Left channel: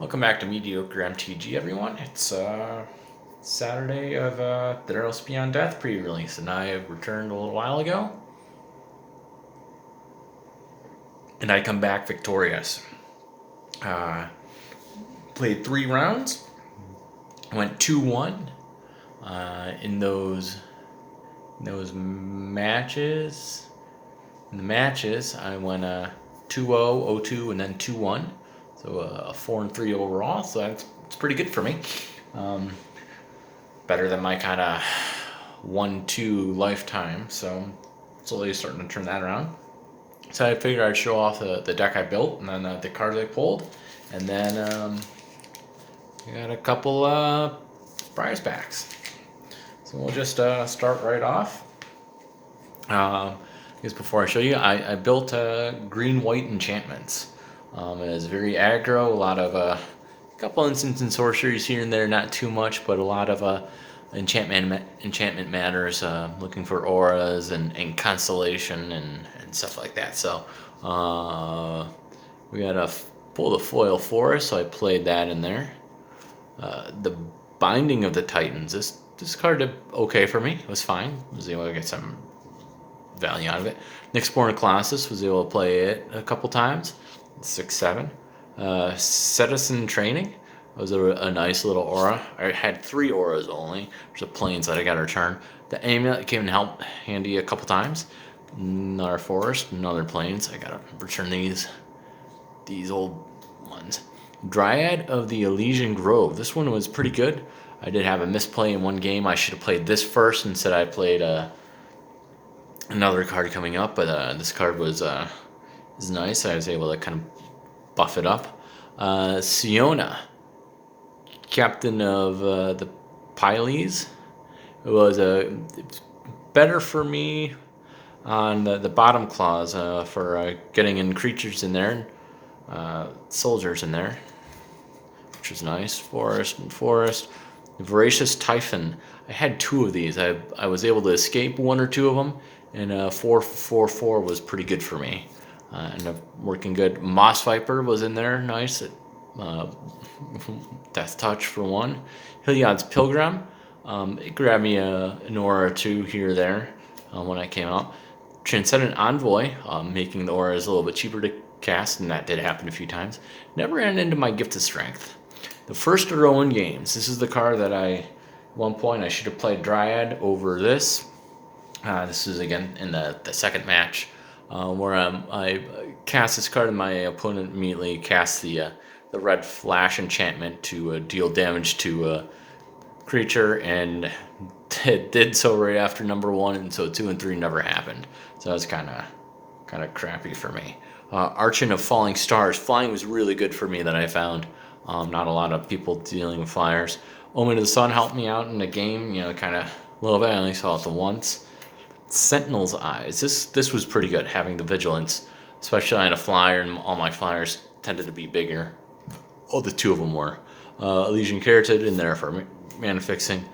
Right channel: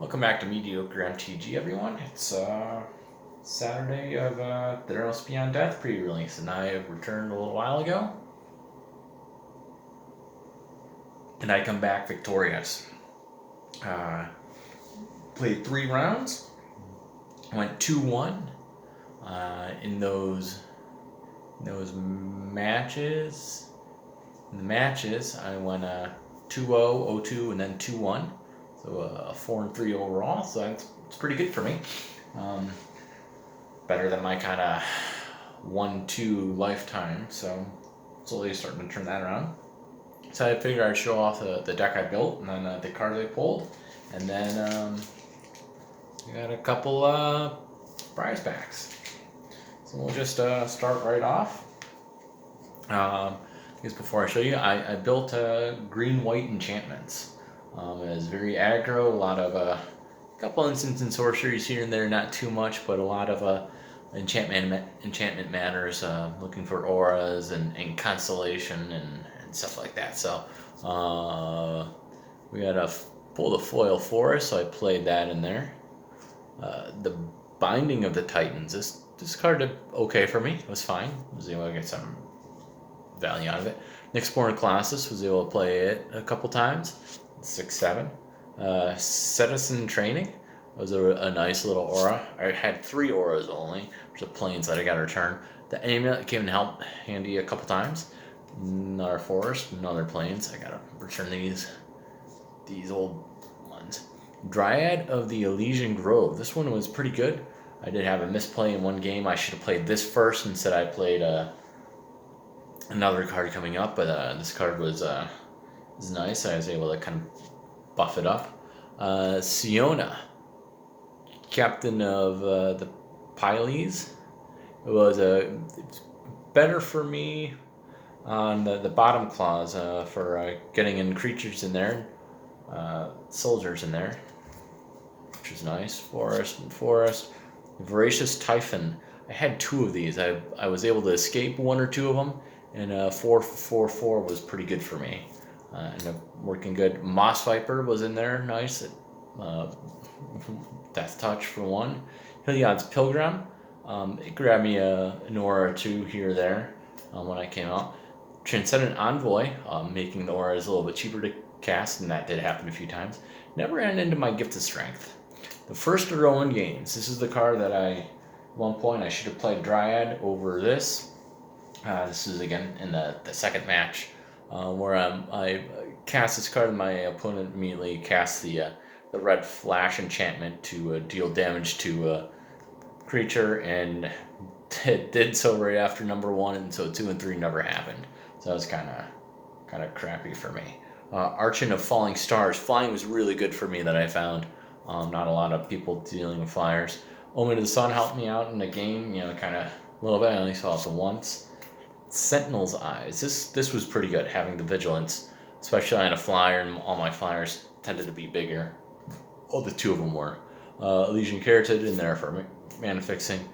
Welcome back to Mediocre MTG, everyone. It's Saturday of Theros Beyond Death pre-release, and I have returned a little while ago, and I come back victorious. Played 3 rounds, went 2-1 in those matches. In the matches, I went 2-0, 0-2, and then 2-1. So a 4-3 overall. So it's pretty good for me. Better than my kind of 1-2 lifetime. So slowly starting to turn that around. So I figured I'd show off the deck I built and then the cards I pulled. And then we got a couple prize packs. So we'll just start right off. I guess before I show you, I built green-white enchantments. It is very aggro, a lot of a couple instants and sorceries here and there, not too much, but a lot of enchantment matters, looking for auras and constellation and stuff like that. So we got to pull the foil forest, so I played that in there. The Binding of the Titans, this card did okay for me. It was fine. I was able to get some value out of it. Nyxborn Colossus, was able to play it a couple times. 6-7. Citizen Training was a nice little aura. I had 3 auras only. There's a planes that I got to return. The Amulet came and helped handy a couple times. Another forest, another planes. I got to return these old ones. Dryad of the Elysian Grove. This one was pretty good. I did have a misplay in one game. I should have played this first. Instead, I played another card coming up, but this card was nice. I was able to kind of buff it up. Siona, captain of the Piles. It was better for me on the bottom clause for getting in creatures in there, soldiers in there, which was nice. Forest. Voracious Typhon. I had 2 of these. I was able to escape 1 or 2 of them, and 4/4/4 was pretty good for me. Ended up working good. Moss Viper was in there, nice. Death Touch for 1. Heliod's Pilgrim. It grabbed me an aura or 2 here or there when I came out. Transcendent Envoy, making the auras a little bit cheaper to cast, and that did happen a few times. Never ran into my Gifted Strength. The first row in games. This is the card that at one point I should have played Dryad over this. This is again in the second match. Where I cast this card and my opponent immediately casts the red flash enchantment to deal damage to a creature, and it did so right after number 1, and so 2 and 3 never happened. So that's kind of crappy for me. Archon of Falling Stars. Flying was really good for me that I found. Not a lot of people dealing with flyers. Omen of the Sun helped me out in the game, kind of a little bit. I only saw it once. Sentinel's Eyes. This was pretty good, having the vigilance, especially on a flyer, and all my flyers tended to be bigger. Oh, the 2 of them were. Elysian Carotid in there for mana fixing.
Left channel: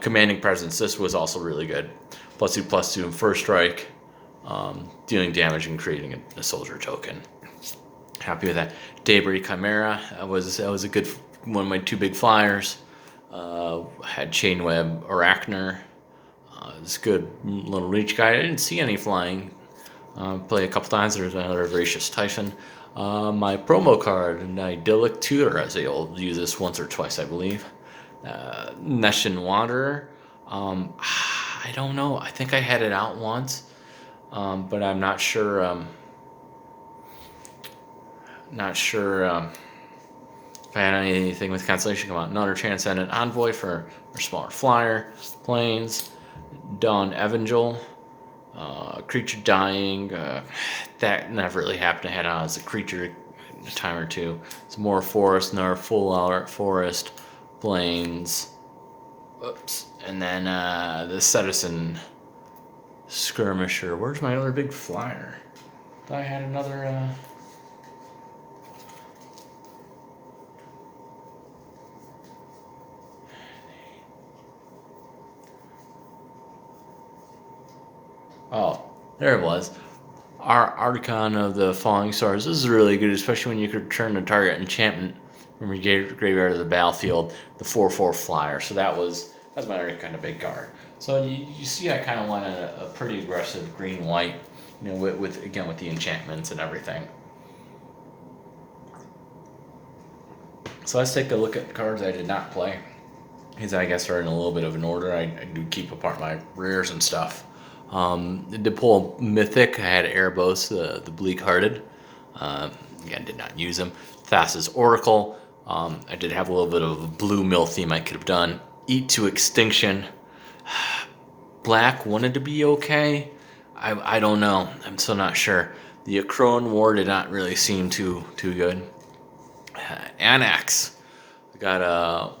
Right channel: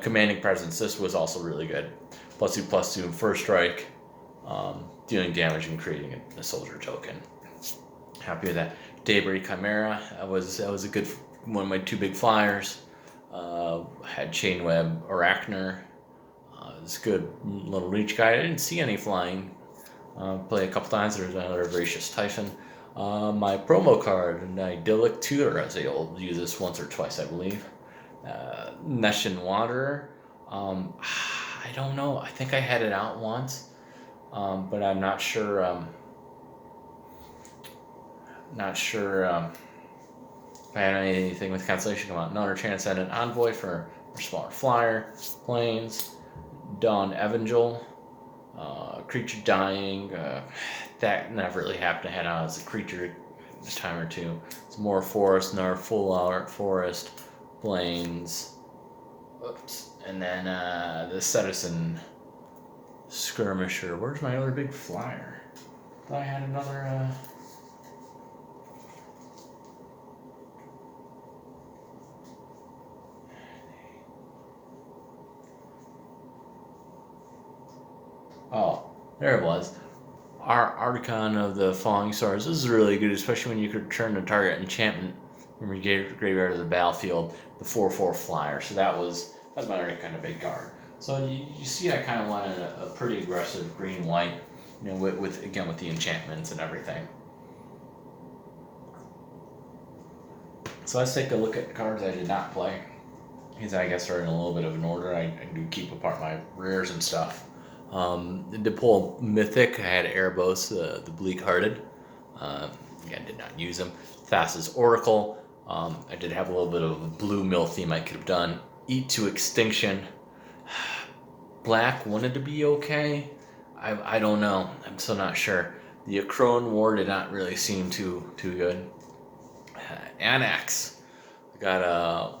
Commanding Presence. This was also really good. +2/+2 in first strike, dealing damage and creating a soldier token. Happy with that. Daybreak Chimera. That was a good one of my 2 big flyers. Had Chainweb Arachner. It's good little reach guy. I didn't see any flying. Play a couple times. There's another Voracious Typhon. My promo card, an Idyllic Tutor. I was able to use this once or twice, I believe. Neshin Wanderer. I don't know. I think I had it out once, but I'm not sure. If I had anything with Constellation come out. Another Transcendent Envoy for smaller flyer. Planes. Dawn Evangel. Creature dying. That never really happened. I had out as a creature a time or 2. It's more forest, another full art forest. Planes. Oops. And then the Citizen Skirmisher. Where's my other big flyer? I had another. Oh, there it was. Our Archon of the Falling Stars. This is really good, especially when you could turn the target enchantment from your graveyard to the battlefield, the 4/4 flyer. So that's my other kind of big card. So you see, I kind of wanted a pretty aggressive green white, with again with the enchantments and everything. So let's take a look at cards I did not play. These I guess are in a little bit of an order. I do keep apart my rares and stuff. To pull Mythic, I had Erebos, the Bleak-Hearted. Again, did not use him. Thassa's Oracle. I did have a little bit of a blue mill theme I could have done. Eat to Extinction. Black wanted to be okay. I don't know. I'm still not sure. The Akron War did not really seem too good. Annex. Got a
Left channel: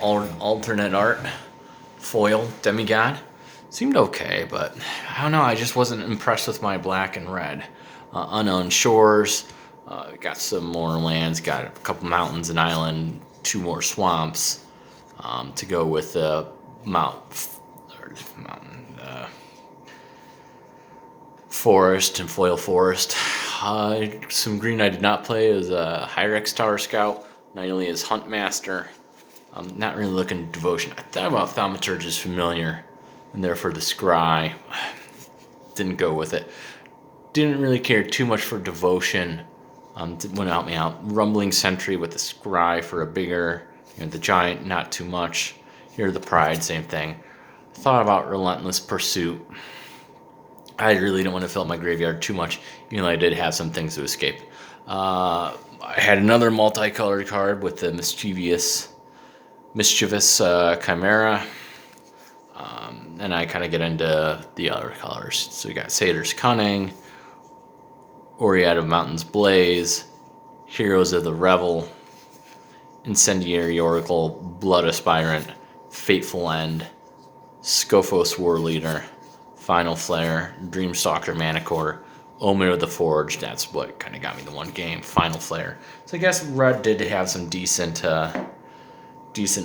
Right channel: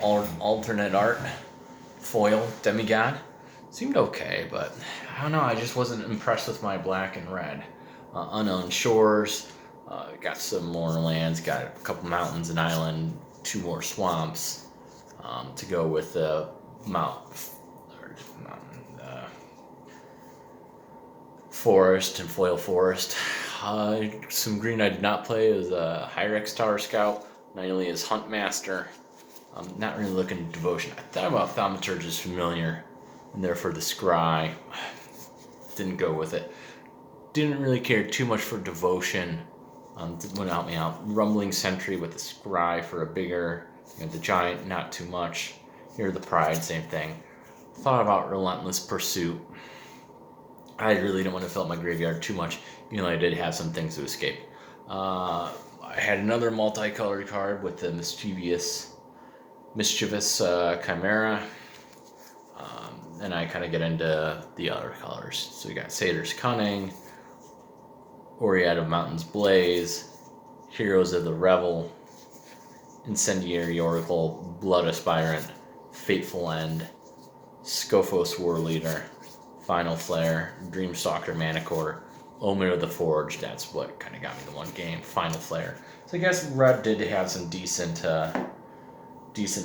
alternate art foil demigod. Seemed okay, but I don't know. I just wasn't impressed with my black and red. Unknown Shores. Got some more lands. Got a couple mountains, an island, 2 more swamps to go with the forest and foil forest. Some green I did not play is Hyrex Tower Scout. Nightly is Huntmaster. I'm not really looking at Devotion. I thought about Thaumaturge's Familiar, and therefore the Scry. Didn't go with it. Didn't really care too much for Devotion. Wouldn't help me out. Rumbling Sentry with the Scry for a bigger. The Giant, not too much. Here the Pride, same thing. Thought about Relentless Pursuit. I really don't want to fill up my graveyard too much, even though I did have some things to escape. I had another multicolored card with the Mischievous Chimera. And I kind of get into the other colors. So we got Satyr's Cunning, Oread of Mountains Blaze, Heroes of the Revel, Incendiary Oracle, Blood Aspirant, Fateful End, Scophos War Leader, Final Flare, Dreamstalker Manicore, Omen of the Forge. That's what kind of got me the one game. Final Flare. So I guess red did have some decent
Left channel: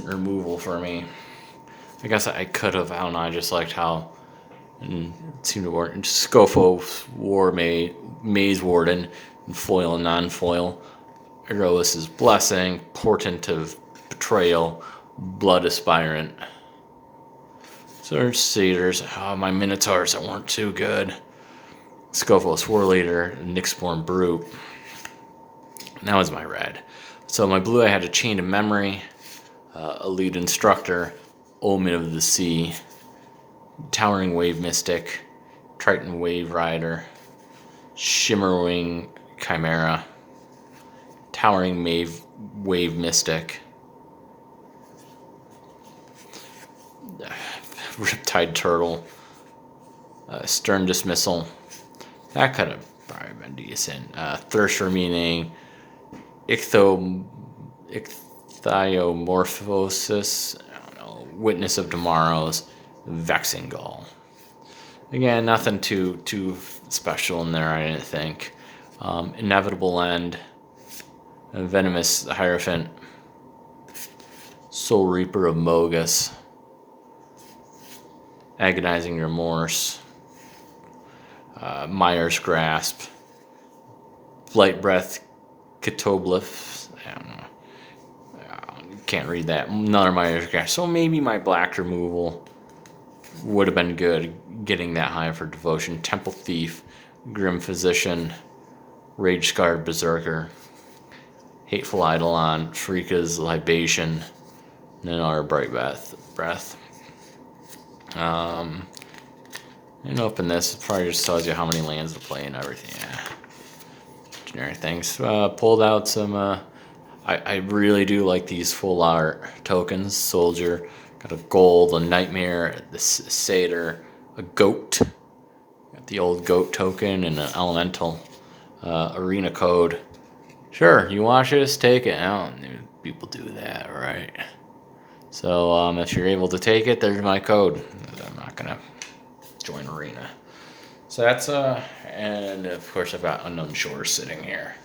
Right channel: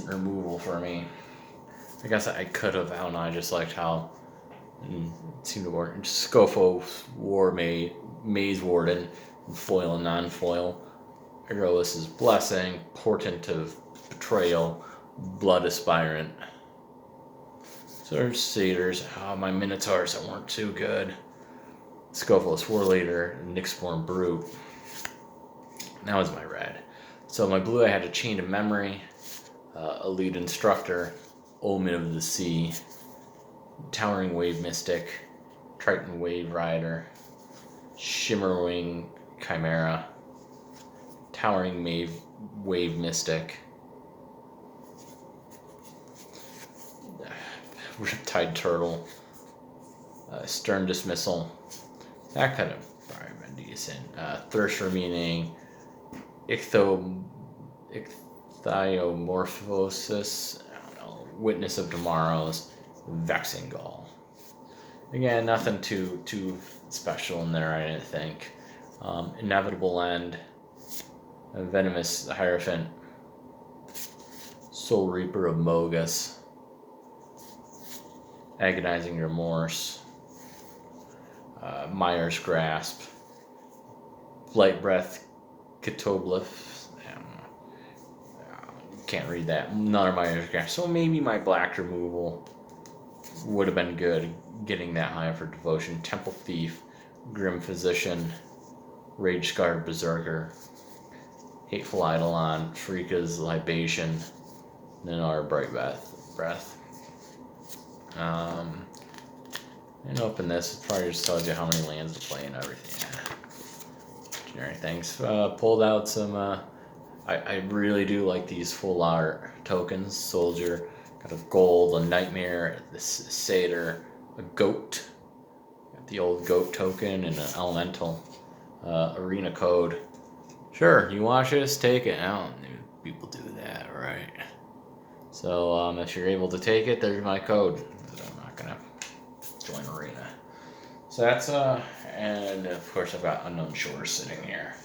removal for me. I guess I could have. I don't know. I just liked how it seemed to work. Scophos War Maze Warden, and foil and non-foil. Eros' Blessing, Portent of Betrayal, Blood Aspirant. So there's Satyrs. My Minotaurs that weren't too good. Scophos War Leader, Nyxborn Brute. Now is my red. So my blue, I had a Chain of Memory, Elite Instructor, Omen of the Sea, Towering Wave Mystic, Triton Wave Rider, Shimmerwing Chimera, Towering Wave Mystic, Riptide Turtle, Stern Dismissal. That could have probably been decent. Thirst for Meaning, Ichthyomorphosis, Witness of Tomorrows, Vexing Gull. Again, nothing too special in there, I didn't think. Inevitable End, Venomous Hierophant, Soul Reaper of Mogus, Agonizing Remorse, Myers Grasp, Blight Breath, Catoblyph. I don't know. Can't read that. Another Myers Grasp. So maybe my black removal would have been good, getting that high for Devotion. Temple Thief, Grim Physician, Rage Scarred Berserker, Hateful Eidolon, Shrika's Libation, and then our Bright Breath. And open this. It probably just tells you how many lands to play and everything. Yeah. Generic things. Pulled out some. I really do like these full art tokens. Soldier, got a gold, a nightmare, the satyr, a goat. Got the old goat token and an elemental. Arena code. Sure, you want this? Take it. I don't know. People do that, right? So if you're able to take it, there's my code. I'm not gonna join Arena. So that's and of course I've got Unknown Shores sitting here.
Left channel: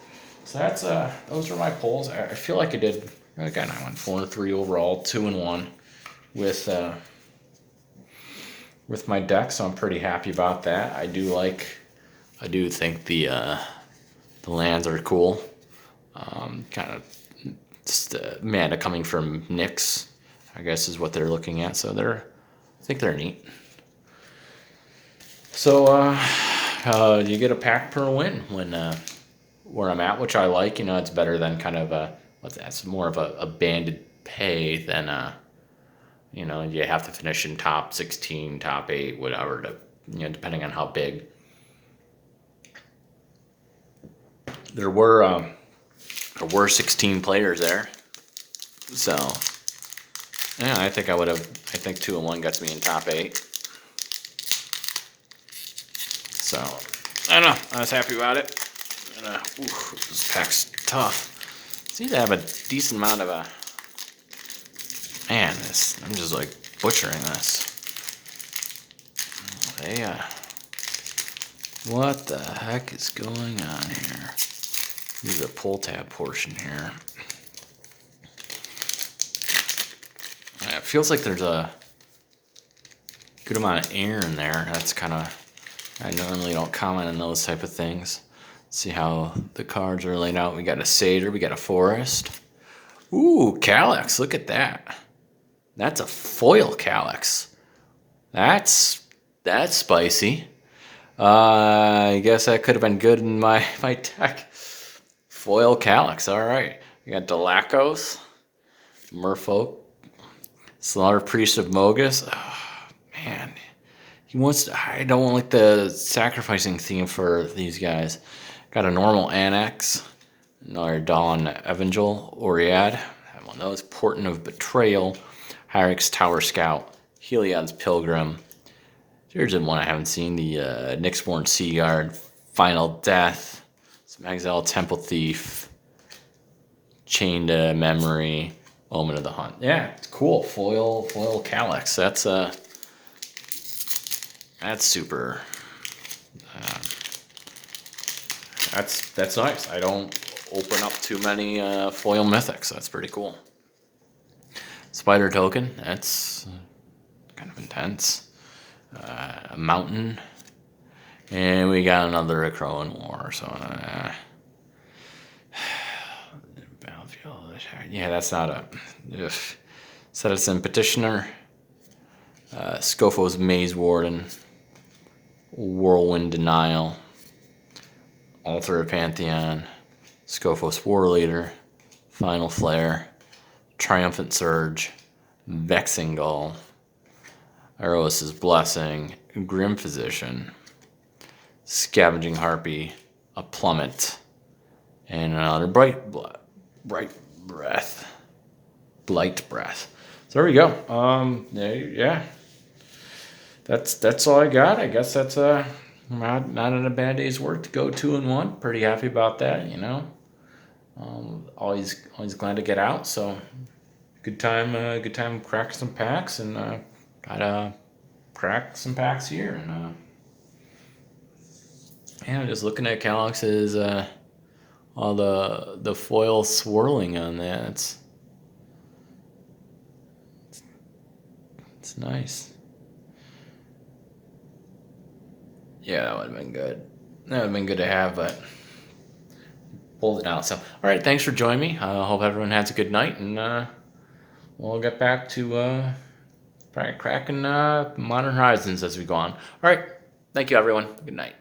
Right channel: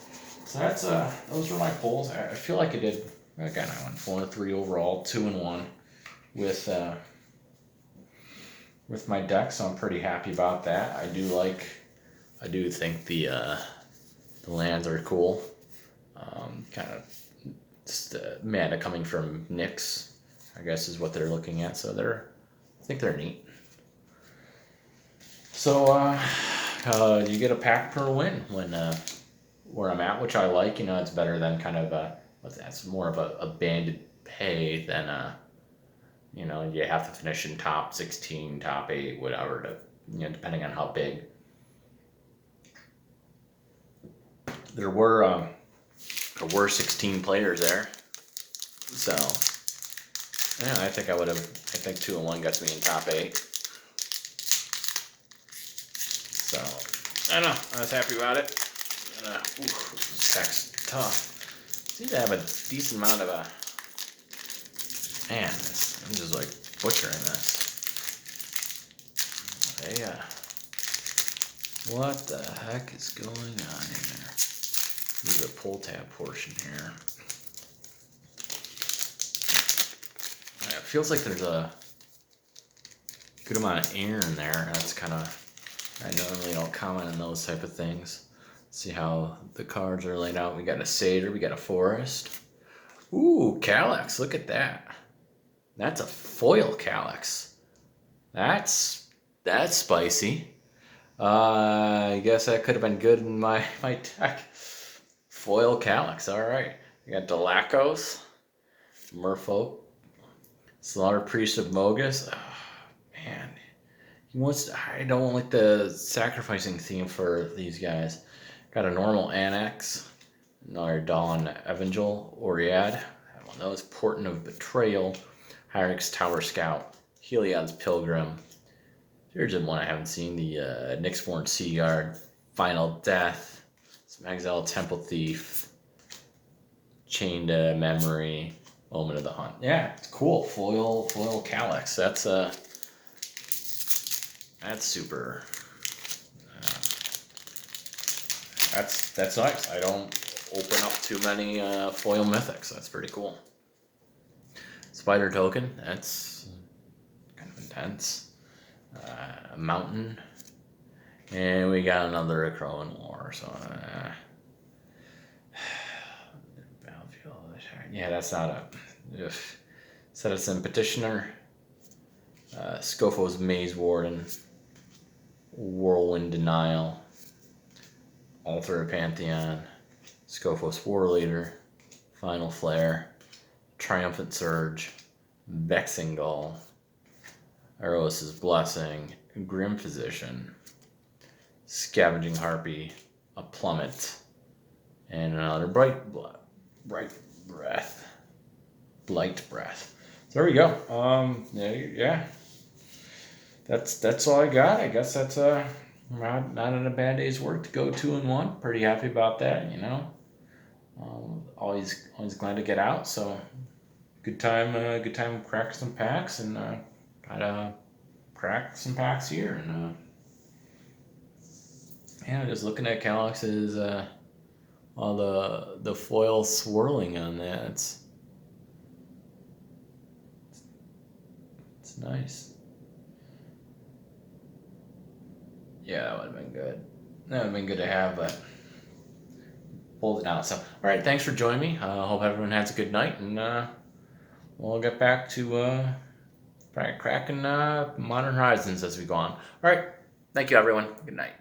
So that's those are my pulls. I feel like I did. Again, I went 4-3 overall, 2-1 with my deck. So I'm pretty happy about that. I do think the lands are cool. Kind of Just mana coming from Nyx, I guess is what they're looking at. So I think they're neat. So you get a pack per win when where I'm at, which I like. You know, it's better than kind of it's more of a banded pay than you know, you have to finish in top 16, top 8, whatever, depending on how big. There were 16 players there, so yeah, I think 2-1 gets me in top 8. So I don't know, I was happy about it. And, this pack's tough. Seems to have a decent amount of man, I'm just like butchering this. What the heck is going on here? There's a pull tab portion here. It feels like there's a good amount of air in there. That's kind of, I normally don't comment on those type of things. See how the cards are laid out. We got a Satyr, we got a Forest. Ooh, Calyx, look at that. That's a foil Calyx. That's spicy. I guess that could have been good in my deck. Foil Calyx, all right. We got Delacos, Merfolk, Slaughter Priest of Mogus. Oh, man, I don't like the sacrificing theme for these guys. Got a normal Annex, another Dawn Evangel, Oriad. One of those, Portent of Betrayal, Hyrix Tower Scout, Heliod's Pilgrim. Here's one I haven't seen, the Nyxborn Sea Guard, Final Death, some Exile Temple Thief, Chained Memory, Omen of the Hunt. Yeah, it's cool. Foil Calyx. That's super. That's nice. I don't open up too many foil mythics. That's pretty cool. Spider Token. That's kind of intense. A Mountain, and we got another Crowan War. So yeah, that's not a Citizen Petitioner. Scofo's Maze Warden, Whirlwind Denial, Altar of Pantheon, Scofo's War Leader, Final Flare, Triumphant Surge, Vexing Gull, Eros' Blessing, Grim Physician, Scavenging Harpy, a Plummet, and another Blight Breath. So there we go. Yeah. That's all I got. I guess that's not in a bad day's work to go 2-1. Pretty happy about that, you know. Always glad to get out. So good time cracking some packs, and gotta crack some packs here. And just looking at Calyx's all the foil swirling on that. It's nice. Yeah, that would have been good. That would have been good to have, but pulled it out. So, all right, thanks for joining me. I hope everyone has a good night, and we'll get back to cracking Modern Horizons as we go on. All right, thank you, everyone. Good night.